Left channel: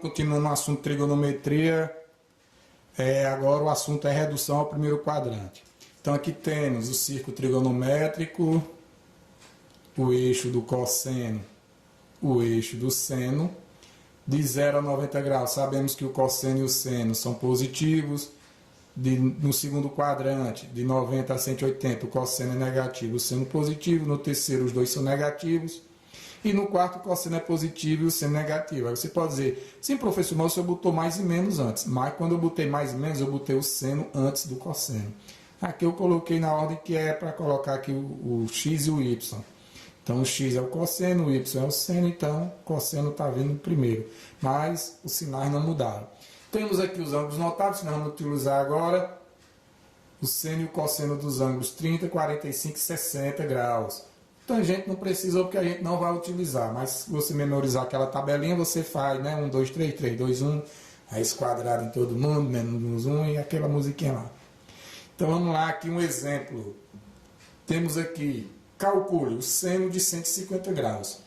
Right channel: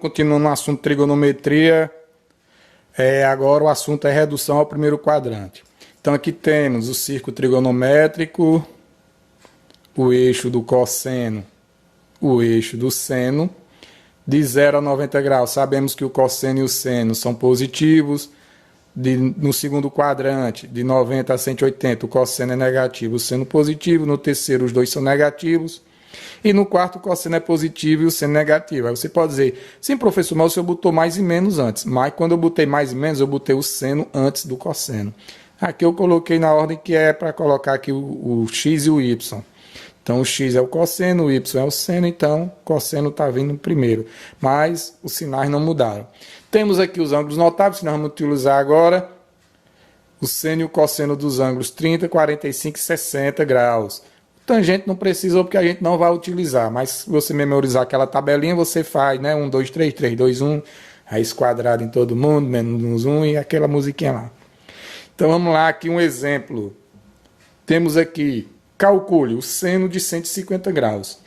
Continuando no assunto trigonometria, agora o assunto é redução ao primeiro quadrante. Então aqui temos o círculo trigonométrico, o eixo do cosseno, o eixo do seno, de 0 a 90 graus. Sabemos que o cosseno e o seno são positivos. No segundo quadrante, de 90 a 180, o cosseno é negativo, o seno positivo. No terceiro, os dois são negativos. E no quarto, o cosseno é positivo e o seno negativo. Aí você pode dizer, sim, professor, mas o senhor botou mais e menos antes. Mas quando eu botei mais e menos, eu botei o seno antes do cosseno. Aqui eu coloquei na ordem que é para colocar aqui o x e o y. Então, o x é o cosseno, o y é o seno, então o cosseno está vindo primeiro. Mas os sinais não mudaram. Temos aqui os ângulos notáveis, que nós vamos utilizar agora. O seno e o cosseno dos ângulos 30, 45 e 60 graus. Tangente não precisa, porque a gente não vai utilizar. Mas se você memorizar aquela tabelinha, você faz, né? 1, 2, 3, 3, 2, 1. Raiz quadrada em todo mundo, menos 1 e aquela musiquinha lá. Então, vamos lá, aqui um exemplo. Temos aqui, calcule o seno de 150 graus.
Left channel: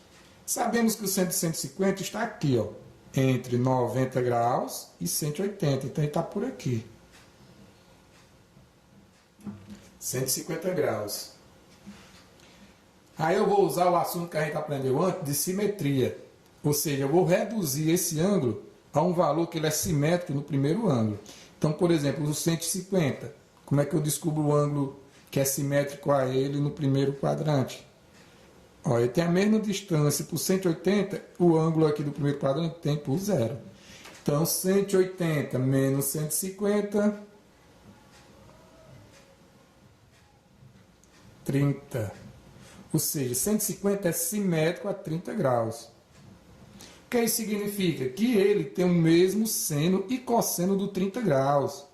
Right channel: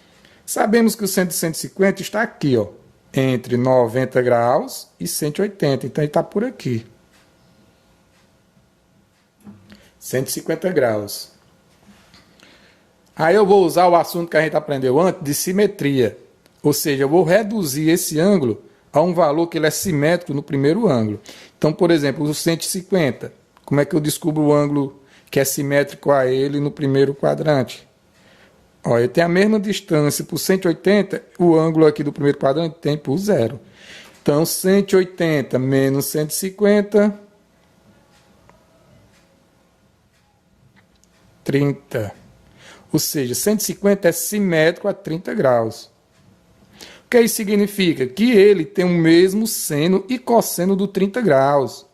Sabemos que o seno de 150 está aqui, ó, entre 90 graus e 180. Então, ele está por aqui. 150 graus. Aí eu vou usar o assunto que a gente aprendeu antes, de simetria. Ou seja, eu vou reduzir esse ângulo a um valor que ele é simétrico no primeiro ângulo. Então, por exemplo, o 150. Como é que eu descubro o ângulo que é simétrico a ele no primeiro quadrante? Ó, eu tenho a mesma distância por 180, o ângulo aqui do primeiro quadrante tem por 0. Então, 180 menos 150, 30. Ou seja, 150 é simétrico a 30 graus. O que isso significa? Que ele tem o mesmo seno e cosseno do 30 graus.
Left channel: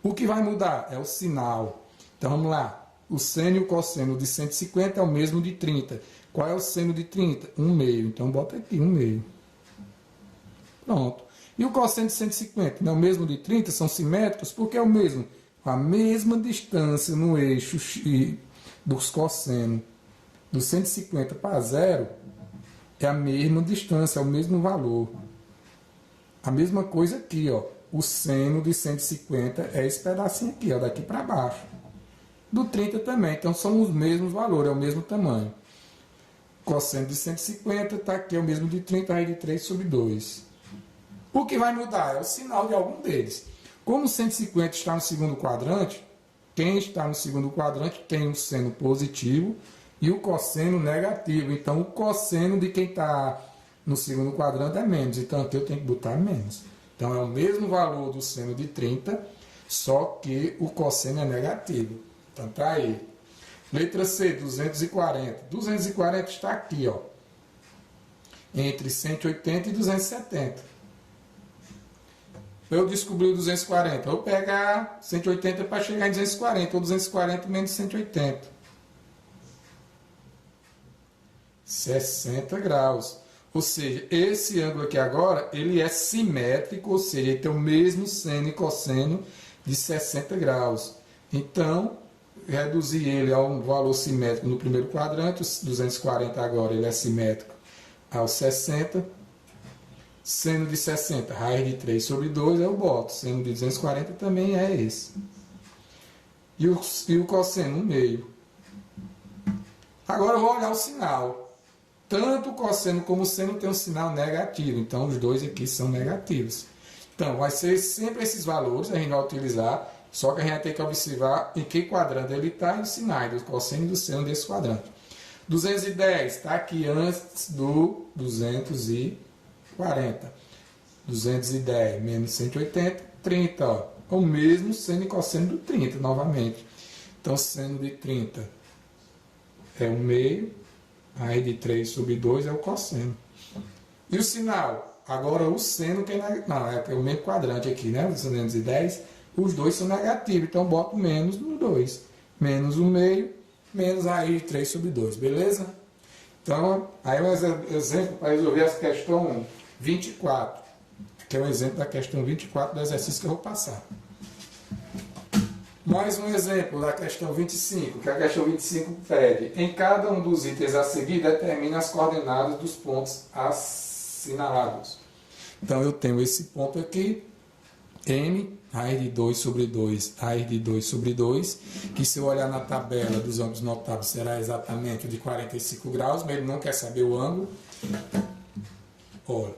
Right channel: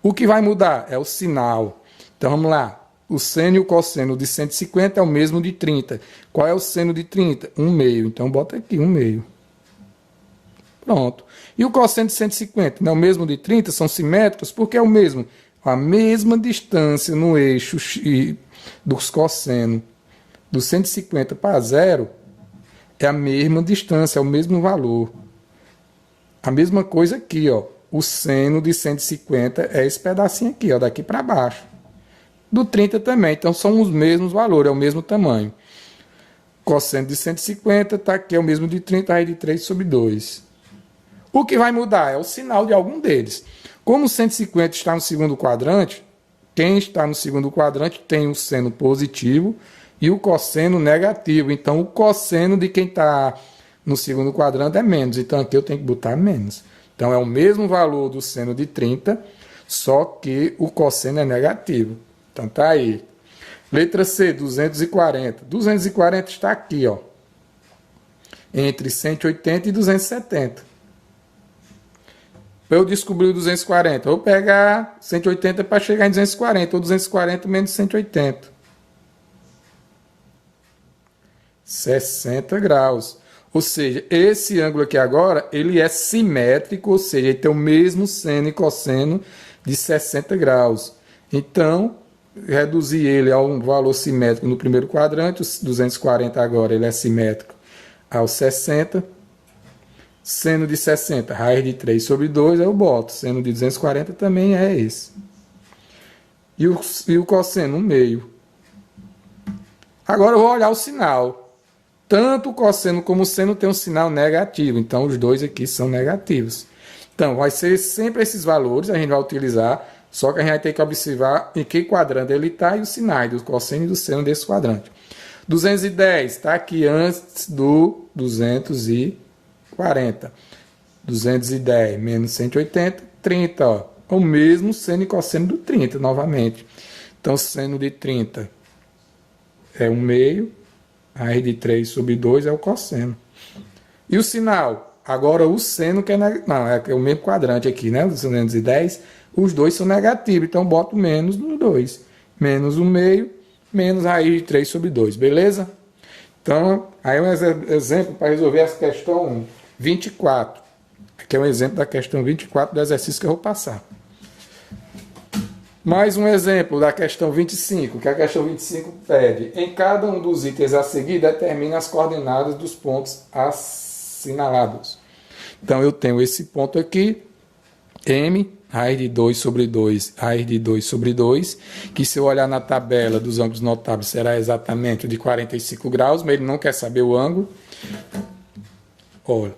O que vai mudar é o sinal. Então, vamos lá. O seno e o cosseno de 150 é o mesmo de 30. Qual é o seno de 30? 1/2. Então, bota aqui, 1/2. Pronto. E o cosseno de 150? Não é o mesmo de 30? São simétricos? Porque é o mesmo. A mesma distância no eixo dos cossenos. Do 150 para 0 é a mesma distância, é o mesmo valor. A mesma coisa aqui, ó. O seno de 150 é esse pedacinho aqui, ó, daqui para baixo. Do 30 também, então são os mesmos valores, é o mesmo tamanho. Cosseno de 150 está aqui, é o mesmo de 30, raiz de 3 sobre 2. O que vai mudar é o sinal de algum deles. Como o 150 está no segundo quadrante, quem está no segundo quadrante tem o seno positivo e o cosseno negativo. Então, o cosseno de quem está no segundo quadrante é menos. Então, aqui eu tenho que botar menos. Então, é o mesmo valor do seno de 30, só que o cosseno é negativo. Então, tá aí. Letra C, 240. 240 está aqui, ó, entre 180 e 270. Para eu descobrir o 240, eu vou pegar 180 para chegar em 240, ou 240 menos 180. 60 graus. Ou seja, esse ângulo aqui agora, ele é simétrico, ou seja, ele tem o mesmo seno e cosseno de 60 graus. Então, reduzir ele a um valor simétrico no primeiro quadrante, os 240 agora ele é simétrico ao 60. Seno de 60, raiz de 3 sobre 2, eu boto. Seno de 240 também é esse. E o cosseno, 1/2. Agora eu vou olhar o sinal. Tanto o cosseno como o seno tem um sinal negativo. Então, os dois aqui são negativos. Então, vai ser sempre esses valores, a gente vai utilizar, só que a gente vai ter que observar em que quadrante ele está e os sinais do cosseno e do seno desse quadrante. 210 está aqui antes do 240. 210 menos 180, 30. Ó. O mesmo seno e cosseno do 30, novamente. Então, seno de 30 é 1/2. Raiz de 3 sobre 2 é o cosseno. E o sinal? Agora o seno que é negativo. Não, é o mesmo quadrante aqui, né? 210. Os dois são negativos. Então, boto menos no 2. Menos 1/2, menos raiz de 3 sobre 2. Beleza? Então, aí um exemplo para resolver essa questão 24. Aqui é um exemplo da questão 24 do exercício que eu vou passar. Mais um exemplo da questão 25, que a questão 25 pede. Em cada um dos itens a seguir, determine as coordenadas dos pontos assinalados. Então, eu tenho esse ponto aqui, m, raiz de 2 sobre 2, raiz de 2 sobre 2, que se eu olhar na tabela dos ângulos notáveis será exatamente o de 45 graus, mas ele não quer saber o ângulo. Olha,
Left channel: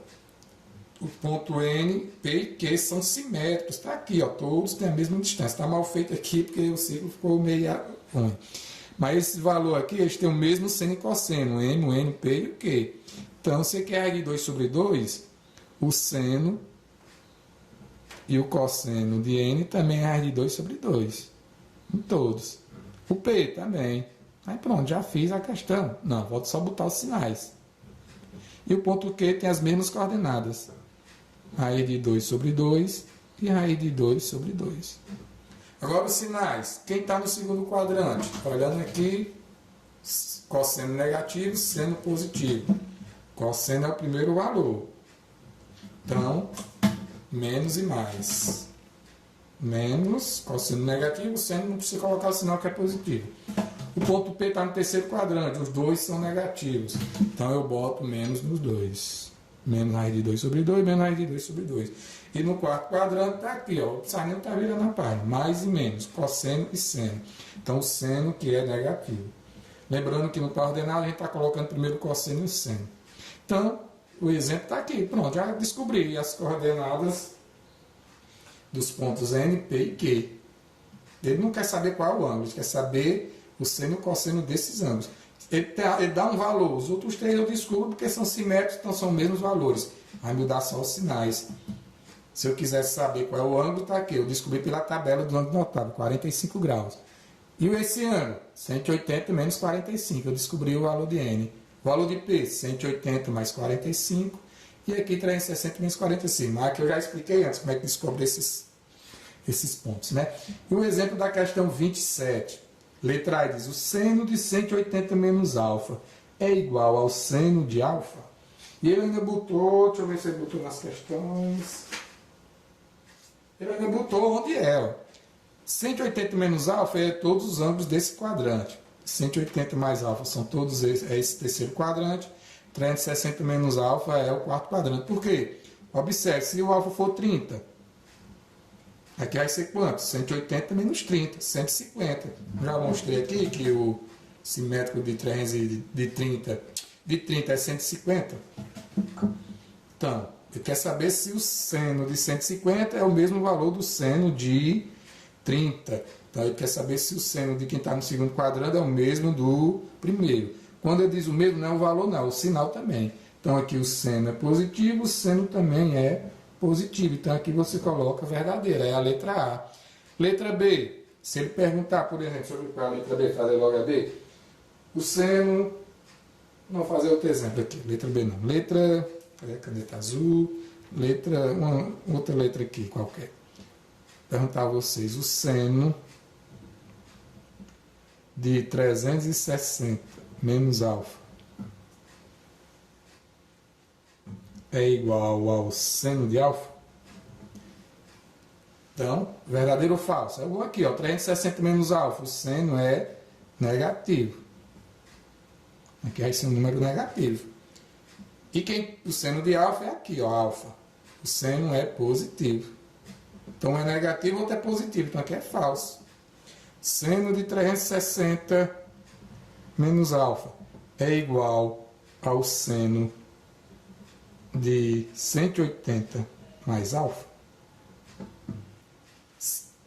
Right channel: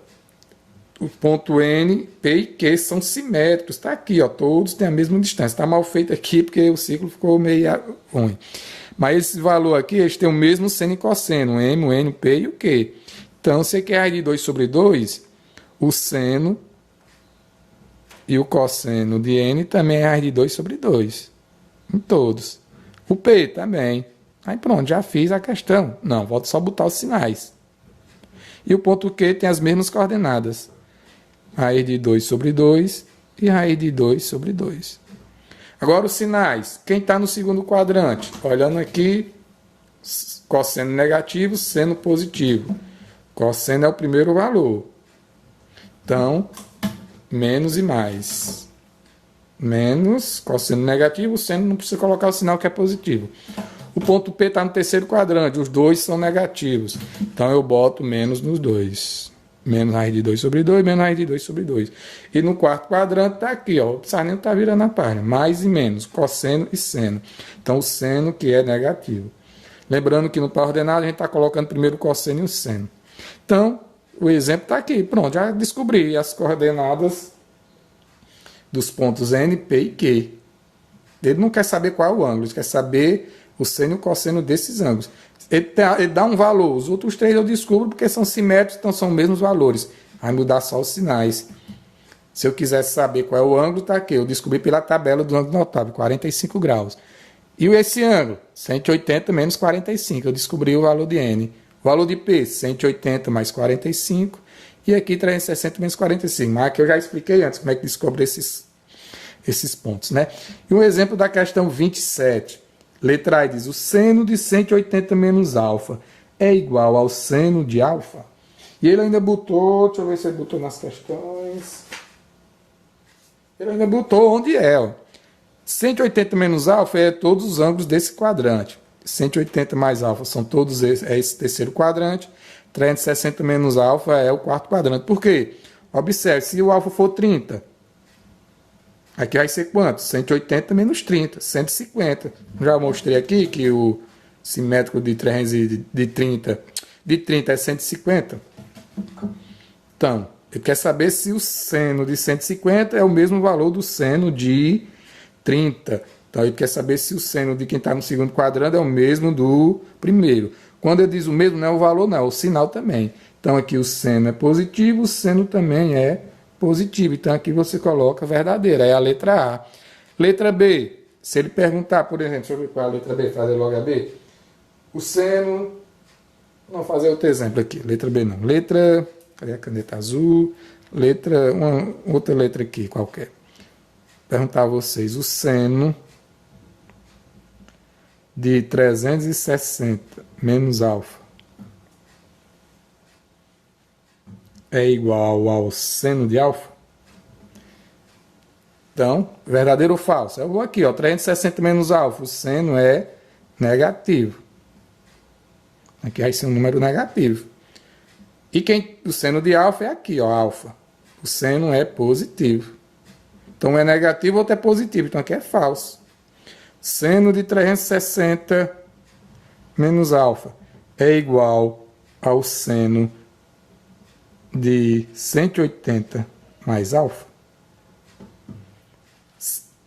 o ponto N, P e Q são simétricos, está aqui, ó, todos têm a mesma distância. Está mal feito aqui porque o ciclo ficou meio ruim. Mas esse valor aqui, eles têm o mesmo seno e cosseno, o M, o N, o P e o Q. Então, se aqui é raiz de 2 sobre 2, o seno e o cosseno de N também é raiz de 2 sobre 2. Em todos. O P também. Aí pronto, já fiz a questão. Não, volto só botar os sinais. E o ponto Q tem as mesmas coordenadas. Raiz de 2 sobre 2 e raiz de 2 sobre 2. Agora os sinais. Quem está no segundo quadrante? Olhando aqui, cosseno negativo, seno positivo. Cosseno é o primeiro valor. Então, menos e mais. Menos, cosseno negativo, seno não precisa colocar o sinal que é positivo. O ponto P está no terceiro quadrante, os dois são negativos. Então eu boto menos nos dois. Menos raiz de 2 sobre 2, menos raiz de 2 sobre 2. E no quarto quadrante está aqui, ó, o sarnento está virando a página. Mais e menos, cosseno e seno. Então o seno que é negativo. Lembrando que no par ordenado a gente está colocando primeiro o cosseno e o seno. Então, o exemplo está aqui. Pronto, já descobri as coordenadas dos pontos N, P e Q. Ele não quer saber qual é o ângulo, ele quer saber o seno e o cosseno desses ângulos. Ele dá um valor, os outros três eu descubro porque são simétricos, então são os mesmos valores. Vai mudar só os sinais. Se eu quisesse saber qual é o ângulo, está aqui. Eu descobri pela tabela do ângulo notável, 45 graus. E esse ângulo? 180 menos 45. Eu descobri o valor de N. O valor de P, 180 mais 45. E aqui 360 menos 45. Mas aqui eu já expliquei antes como é que descobre esses pontos, né? E um exemplo da questão 27. Letra A diz, o seno de 180 menos alfa é igual ao seno de alfa? E ele ainda botou, deixa eu ver se ele botou nas questões. Ele ainda botou onde é, ó. 180 menos alfa é todos os ângulos desse quadrante. 180 mais alfa são todos esse terceiro quadrante. 360 menos alfa é o quarto quadrante. Por quê? Observe, se o alfa for 30, aqui vai ser quanto? 180 menos 30, 150. Já mostrei aqui que o simétrico de 30 é 150. Então, ele quer saber se o seno de 150 é o mesmo valor do seno de 30. Então, ele quer saber se o seno de quem está no segundo quadrante é o mesmo do primeiro. Quando ele diz o mesmo, não é o valor, não, é o sinal também. Então, aqui o seno é positivo, o seno também é positivo. Então, aqui você coloca verdadeira, é a letra A. Letra B, se ele perguntar, por exemplo, deixa eu ver qual é a letra B, fazer logo a B. O seno, vamos fazer outro exemplo aqui, letra B não. Letra, cadê a caneta azul? Letra, outra letra aqui, qualquer. Perguntar a vocês, o seno de 360 menos alfa é igual ao seno de alfa? Então, verdadeiro ou falso? Eu vou aqui, ó, 360 menos alfa, o seno é negativo. Aqui vai ser um número negativo. E o seno de alfa é aqui, ó, alfa. O seno é positivo. Então, é negativo ou é positivo. Então, aqui é falso. Seno de 360 menos alfa é igual ao seno de 180 mais alfa.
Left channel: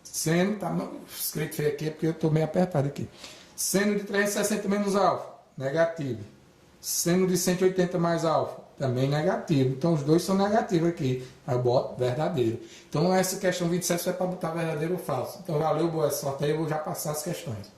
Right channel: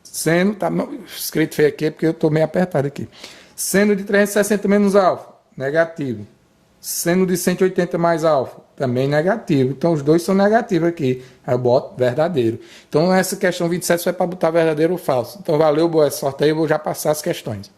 Seno, está escrito feio aqui porque eu estou meio apertado aqui. Seno de 360 menos alfa, negativo. Seno de 180 mais alfa, também negativo. Então, os dois são negativos aqui. Aí eu boto verdadeiro. Então, essa questão 27 vai para botar verdadeiro ou falso. Então, valeu, boa sorte aí. Eu vou já passar as questões.